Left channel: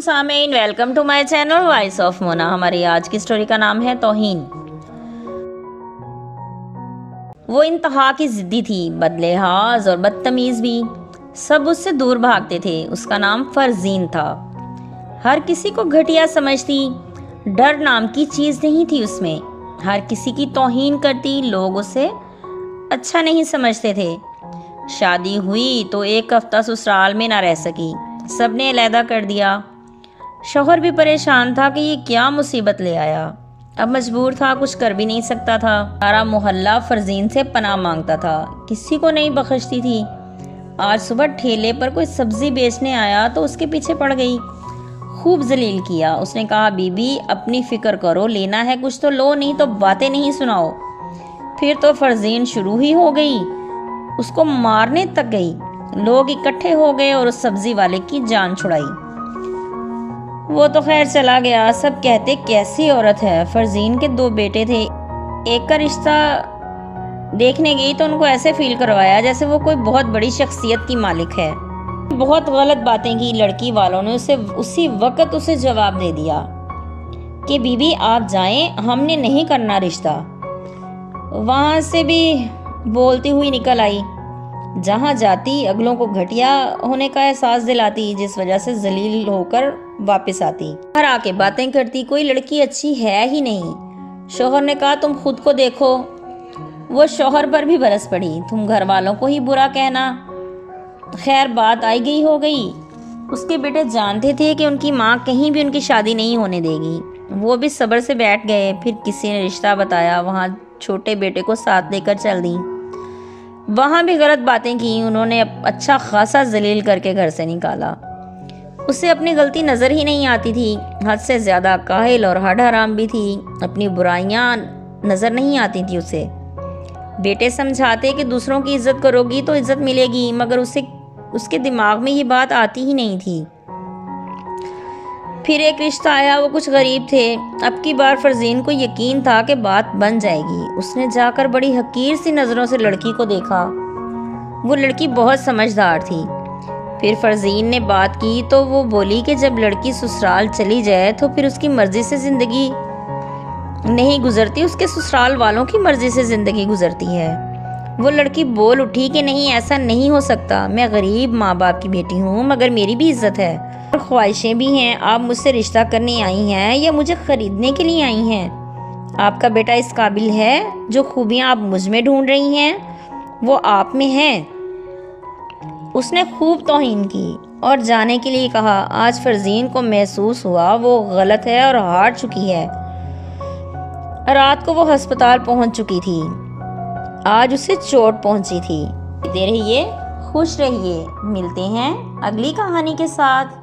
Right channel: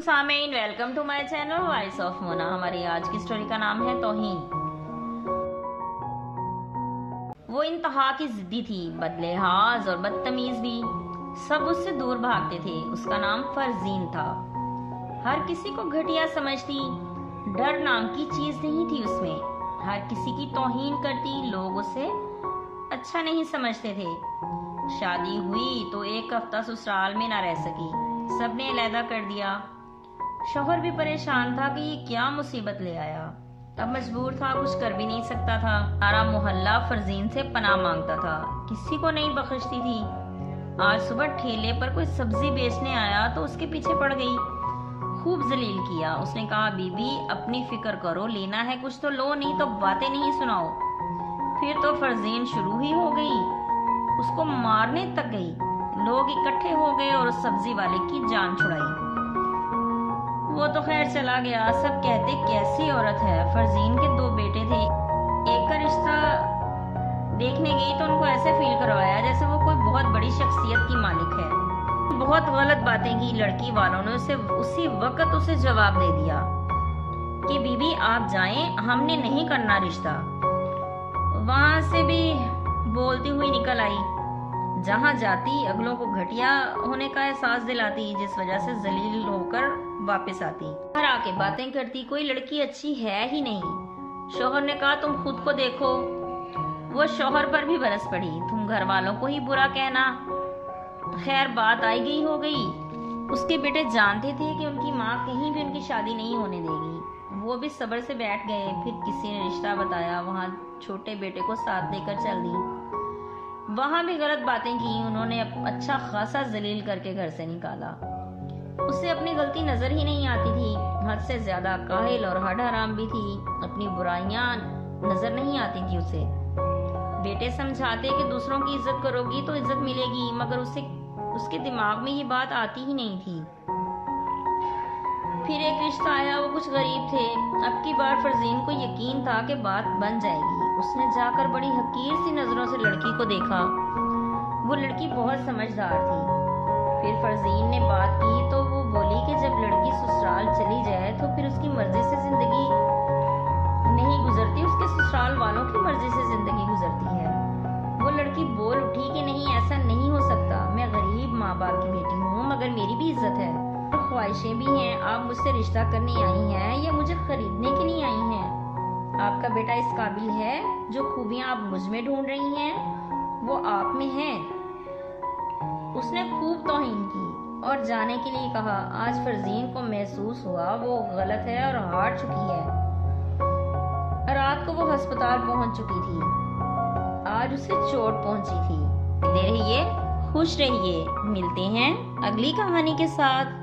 सामीन, welcome to my channel voice of Mona. हमारी आज की स्टोरी का नाम है तौहीन। वो इंतहा की जिद्दी थी, बदलेहाज और बदतमीज भी। सब उससे दूर भागते थे। उसका नाम फरजीन था। हर किसी को घटिया समझती, डर नाम की चीज नहीं थी उसमें। हर किसी की तौहीन करती, लोग उसे अच्छा नहीं समझते थे। शादी हुई तो एक हफ्ता ससुराल में ना रह सकी, सबने अलहदा कर दिया। शौहर भी परेशान था कि ये क्या मुसीबत ले आया। अब मजबूर था, कुछ कर भी नहीं सकता था। सारा मोहल्ला फरजीन से पनाह मांगता था, किसी को नहीं बख्शती थी। आज सुबह ठेले पर कोई सब्जी बेचने आया तो उसके पीछे पड़ गई, खूब जलील किया। उसने कहा, बीबी अपनी फिक्र करो, लेना है कुछ तो लो, नहीं तो बातें नहीं सुनाओ। फिर तो फरजीन शुरू ही हो गई, उसको मारने तक गई। लोग इकट्ठे हो गए और उस सब्जी वाले की जान छुड़ाई। वो तो खैर चला गया। सब कहते कैसी औरत है। फरजीन के 2 बेटे थे। एक का रिश्ता देखने गई तो उनको ऐसे फील करवाया जैसे वो कोई बहुत बड़ी शख्सियत की मालिक है। बहुत गलत बातें की लड़की वालों ने। उसी वक्त उसे जवाब दे दिया कि बीबी आप जाएं, हमने नहीं करना रिश्ता। वहां से भी बोलती हुई निकल आई। जहां जाती अगलों को घटिया होने का एहसास दिलाती, जिस वजह से जलील होकर वापस आती। घर आके बातें करती, कोई लड़की अच्छी है ही नहीं। शौहर ने कहा, तुम खुद को देखो। वो शौहर पर भी बरस पड़ी, तुम घर वालों को ही बुरा कहना। खैर बात आई गई हो गई। उसके बेटे जानते थे कि उनकी माँ कहीं भी उनकी शादी नहीं होने देगी। वो भी सब्र से बैठ गए। फिर किसी ने रिश्ता बताया, वहाँ छोटे बेटे को साथ लेकर चल दी। वहां भी गलत बातें की। उन्होंने अच्छा खासा जलील करके घर से निकाला। उसे अपनी गलती नजर ही नहीं आती थी। हद से ज्यादा काहिल और हड हराम भी थी। अपनी बुराइयां नजर नहीं आती थी उसे। बेटे समझाते कि दूसरों की इज्जत करोगी तो इज्जत मिलेगी, मगर उसके दिमाग में ये बात आती ही नहीं थी। फिर एक रिश्ता आया, वो कुछ गरीब थे। अब की बार फरजीन को यकीन था कि बात बन जाएगी। उसने जाकर बड़ी हकीर सी नजरों से लड़की को देखा। वो लड़की बहुत समझदार थी। फिर फरजीन ने बात की तो वो बोली कि जब लड़की ससुराल चली जाए तो फिर उसकी मर्जी से जिंदगी नहीं गुजरती, उसके ससुराल वालों की मर्जी से जिंदगी गुजरती है। वो लड़की बोल उठी कि नहीं, ऐसा नहीं हो सकता। मैं गरीब माँ बाप की बेटी हूँ, मगर मेरी भी इज्जत है और ख्वाहिशें भी हैं। आप मुझसे रिश्ता करने आई हैं या मुझे खरीदने के लिए आई हैं? आपका बेटा इस काबिल है। जो खूबियाँ आप मुझ में ढूंढ रही हैं वो आप में हैं। उसने खूब तौहीन की और जाने के लिए कहा। आज फरजीन को महसूस हुआ वो गलत है और हार चुकी है। रात को वो अस्पताल पहुंच चुकी थी। आज उसे चोट पहुंची थी। दे रहिए, खुश रहिए। मिलते हैं अगली कहानी के साथ।